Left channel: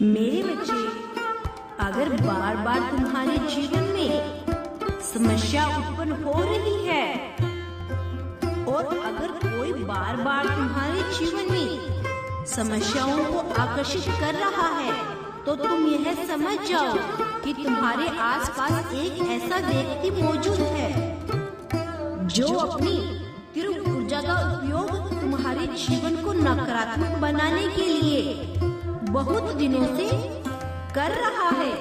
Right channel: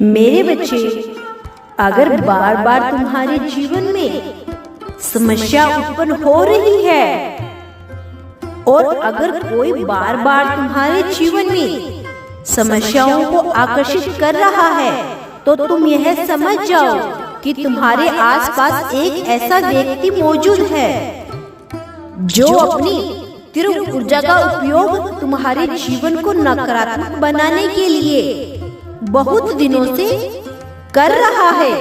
मेरे बच्चे, अगर बार बार तुम्हारे जीवन में समस्या उत्पन्न हो रही है और अगर कोई बार बार तुम्हारे जीवन में समस्याओं को आकर्षित कर रहा है तो तुम यह समझ जाओ कि तुम्हारे आसपास एक ऐसा व्यक्ति मौजूद है जो अपनी तीव्र ऊर्जा का उपयोग तुम्हारे जीवन को नकारात्मक बनाने के लिए बहुत दिनों से कर रहा है।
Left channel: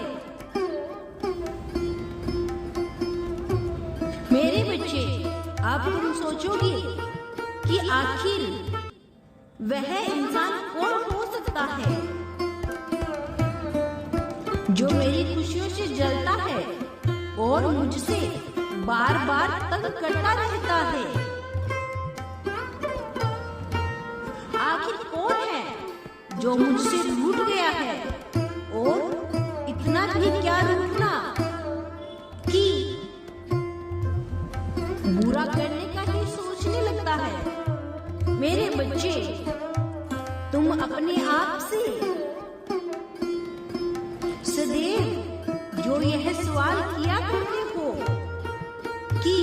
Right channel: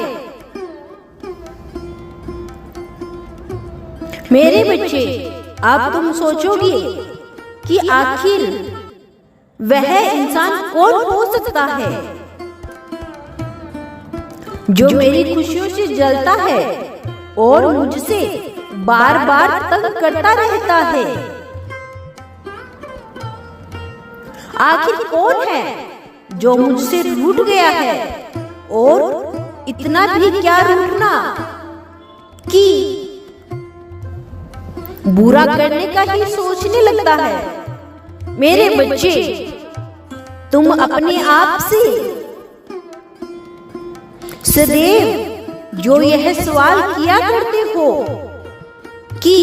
मेरे बच्चे, अब तुम सोचोगे कि आखिर वह इंसान कौन हो सकता है जो मेरी खुशियों से जलता है और मुझसे बार बार तंग करता रहता है। आखिर कौन है जो मुझसे रूठ गया है और इतना भी क्या रूठना कि बुरा करने का ही सोचने लगता है। मेरे बच्चे, तुम अपने आप से सदैव जो यह सवाल किया करते हो कि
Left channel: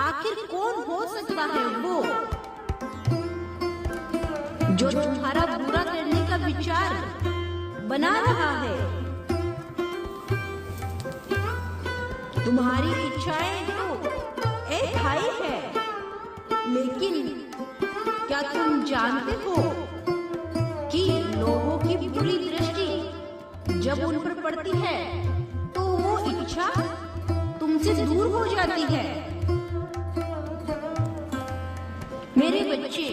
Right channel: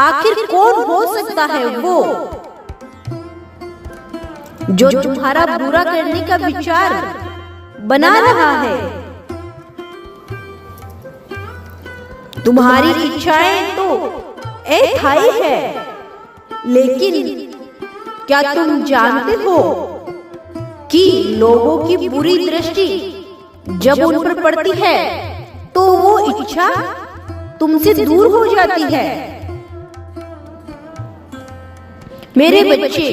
आखिर कौन हो सकता है वो जो तुम्हारा बुरा करने का विचार बना रहा है। तुम्हारी इच्छाएं तो अस्थायी है, लेकिन क्या तुम जानते हो कि लोगों की बुरी दृष्टि जब उन पर पड़ती है तो वो इच्छा तुमसे दूर हो जाती है। मेरे बच्चे,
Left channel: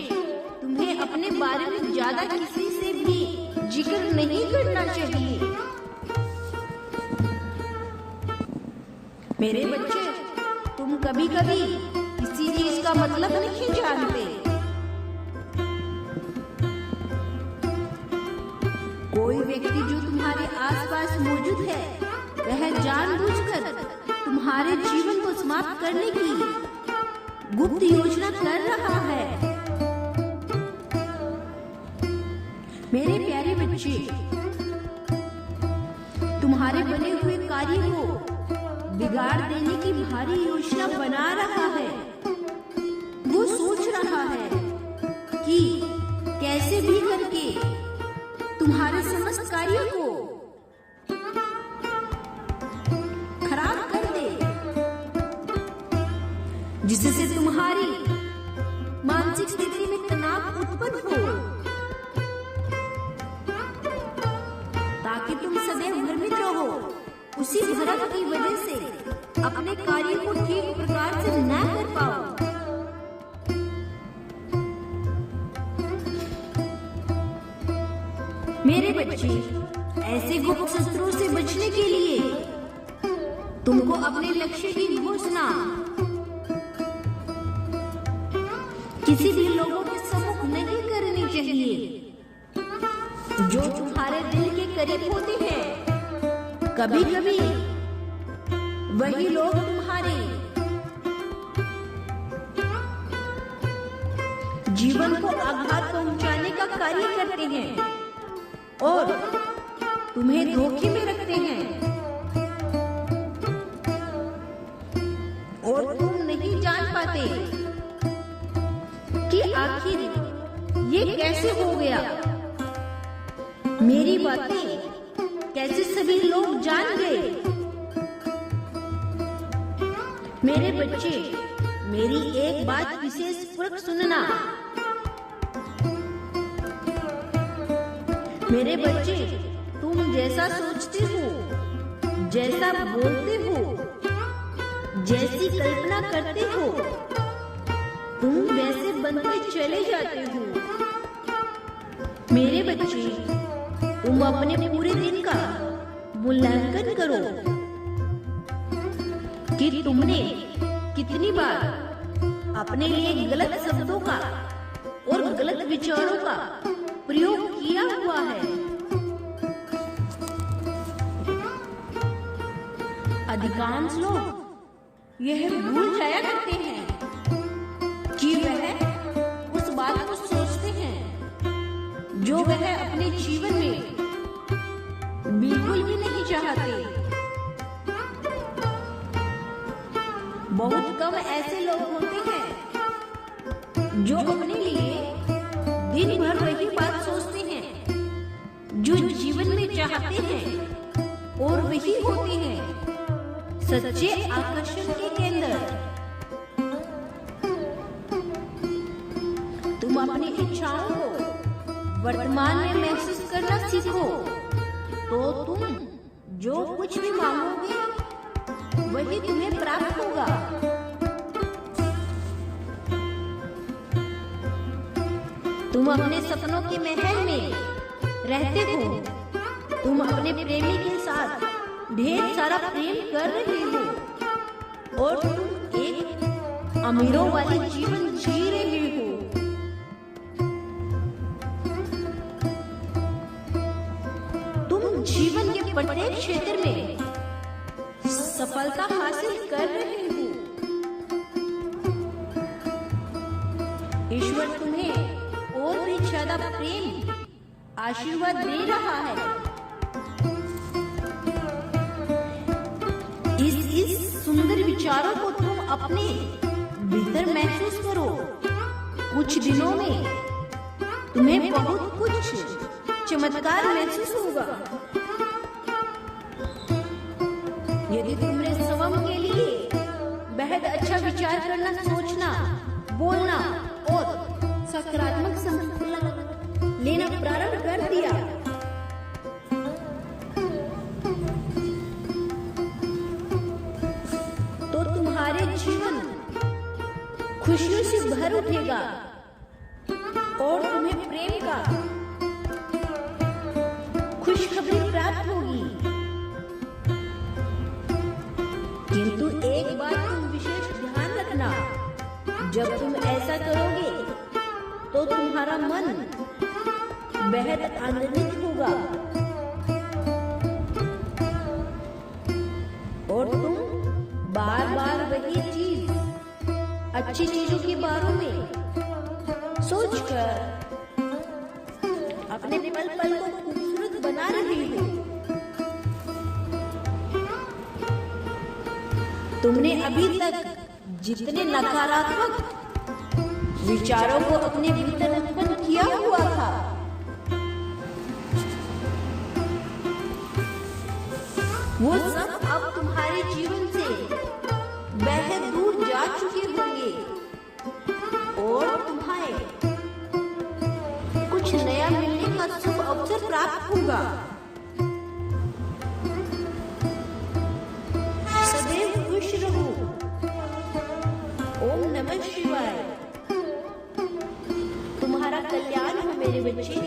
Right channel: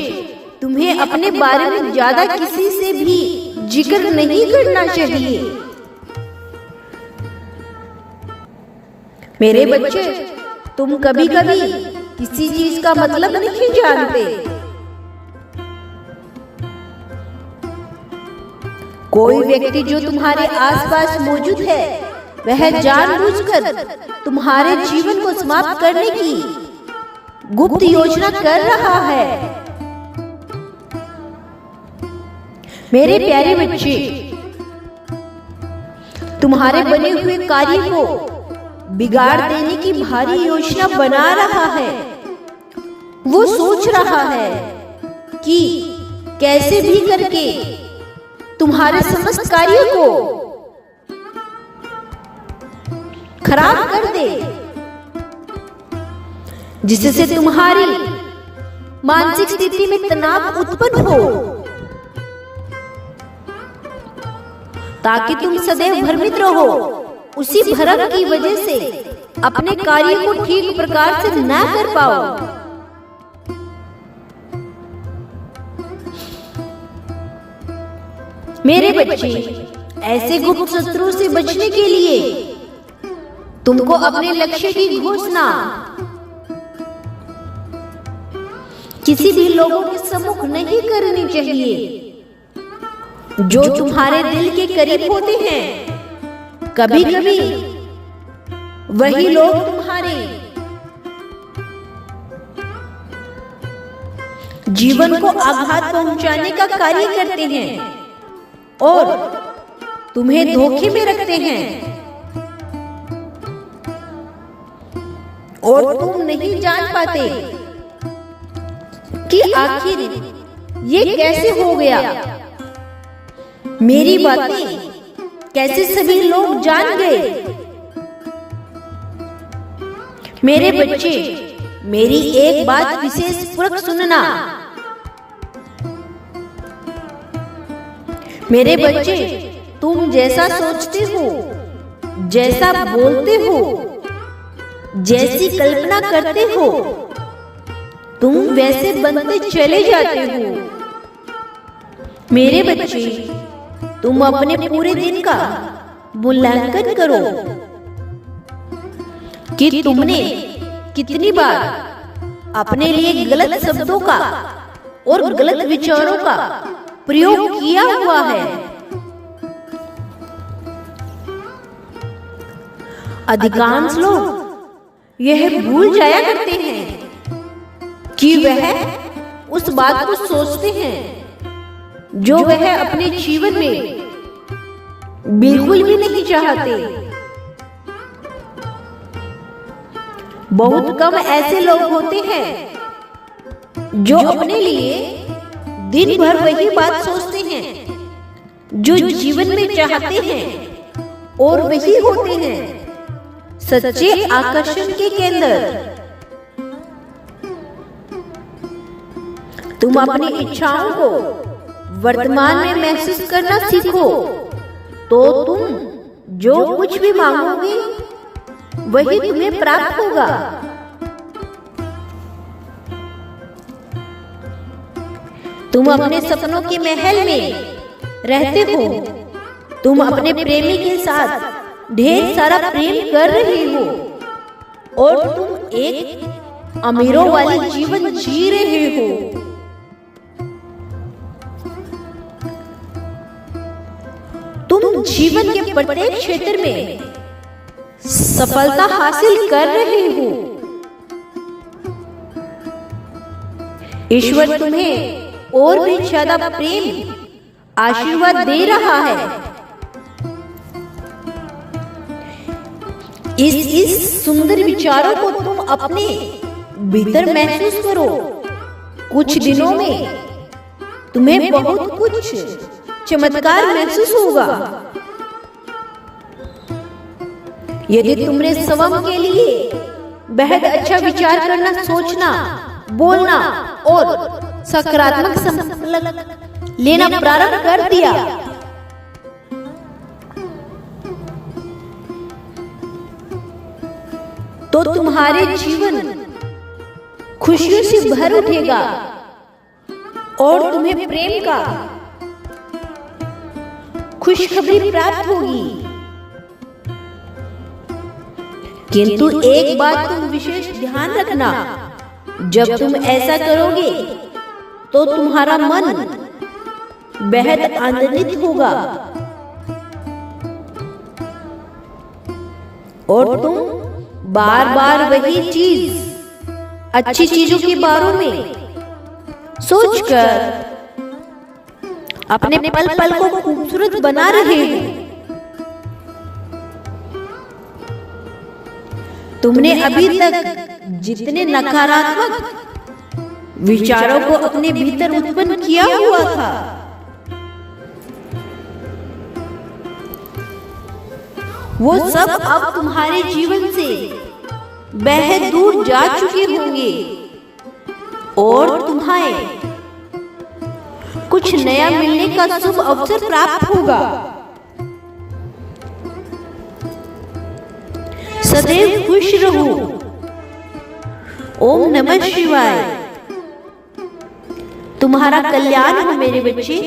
तुम्हें अपने बारे में ज्यादा किसी से भी जिक्र नहीं करना चाहिए। मेरे बच्चे, तुम कभी कभी किसी चीज का मतलब नहीं जानते। कोई व्यक्ति जो तुम्हारे आसपास मौजूद है वह जानबूझकर तुम्हारे जीवन को समाप्त करने की गुप्त योजना कर रहा है। मेरे प्यारे बच्चे, तुम्हारे बने हुए कार्य को बिगाड़ देने की भारी योजना बना रहा है। वो सोच रहा है कि कैसे भी करके तुम्हारे समस्त कार्यों को खराब कर दे, जिससे तुम्हारी मानसिक स्थिति में तनाव उत्पन्न हो, ताकि तुम सदैव भ्रमित रहो। उसी भ्रम की वजह से अपने कार्य को ठीक प्रकार से न कर पाओ। मेरे बच्चे, ऐसे गुप्त शत्रु से बचने के लिए तुमको अपने लक्ष्य की घोषणा किसी भी लोगों के सम्मुख नहीं करनी चाहिए। जो तुम्हारे दिल के करीब होते हैं, कभी कभी वही लोग तुम्हारे जीवन को आघात पहुंचाने का कार्य करते हैं और तुम्हें धोखे में रखते हैं, और तुम नहीं जान पाते कि आखिर ये कैसे हो गया। मेरी बातें कैसे सभी लोग जान गए। मेरे बच्चे, मेरी एक बात विशेष पूर्वक सुनना। मेरे बच्चे, तुम जैसा सोचते हो, जैसा बोलते हो, जैसी कल्पना करते हो, तुम वैसे बनते चले जाते हो। मेरे बच्चे, तुम अपने पूरे दिन का मूल्यांकन करो कि तुमने कितनी बार अपने लिए गलत शब्दों का और गलत विचारों का प्रयोग किया हुआ है। अधिकांश लोग यह भूल जाया करते हैं कि वह उस बात को सोचते हैं जो वह अपने जीवन में बिल्कुल भी नहीं चाहते। बहुत कम ऐसे लोग होते हैं जो अपने लिए दिन भर वही बात सोचते हैं जो जीवन में चाहते हैं और वही होते हैं सच्चे आकर्षण के केंद्र। तुम अपनी इच्छाओं को वर्तमान में महसूस करना सीखो तो तुम जो कुछ भी मांगोगे वही तुम्हें प्राप्त होगा। तुम अपने सपनों के महल में रहते हो। तुम अपने प्रेमी के साथ ढेर सारा प्रेम कर रहे हो और तुम एक अमीरों वाली जीवन जी रहे हो। तुम जीवन के प्रत्येक क्षेत्र में सफलता हासिल कर रहे हो। ईश्वर तुम्हें और भी ज्यादा प्रेम आशीर्वाद दे रहा है। इस सुंदर विचारों को तुम अपने भीतर महसूस करो। कुछ दिनों में तुम्हें बहुत कुछ चमत्कार महसूस होगा। यदि तुमने स्वयं के लिए बेहद अच्छा विचार करना, सोचना, बोलना और सकारात्मक संकल्प लेना प्रारंभ कर दिया तो तुम्हारे जीवन खुशियों से भर उठेगा और तुम्हें प्रेम का खुशखबरी प्राप्त होगी। किंतु एक बात तुम विशेष ध्यान रखना, जब तुम ऐसा करोगे तो तुम्हारा मन बेहद आनंदित होगा और तुम बार बार वही चीज, अच्छी चीजों के बारे में सोचकर अपने पल पल को खूबसूरत बना रहे हो। तुमने अभी तक जितने नकारात्मक विचारों को अपने भीतर उत्पन्न किया हुआ था, वो सब अब तुम्हारे जीवन से बेहद दूर जा चुके होंगे और तुम्हें कुछ नया मिलने का शुभ अवसर प्राप्त होगा। सदैव खुश रहो। ओम नमः शिवाय। तुम्हारा कल्याण हो मेरे बच्चे।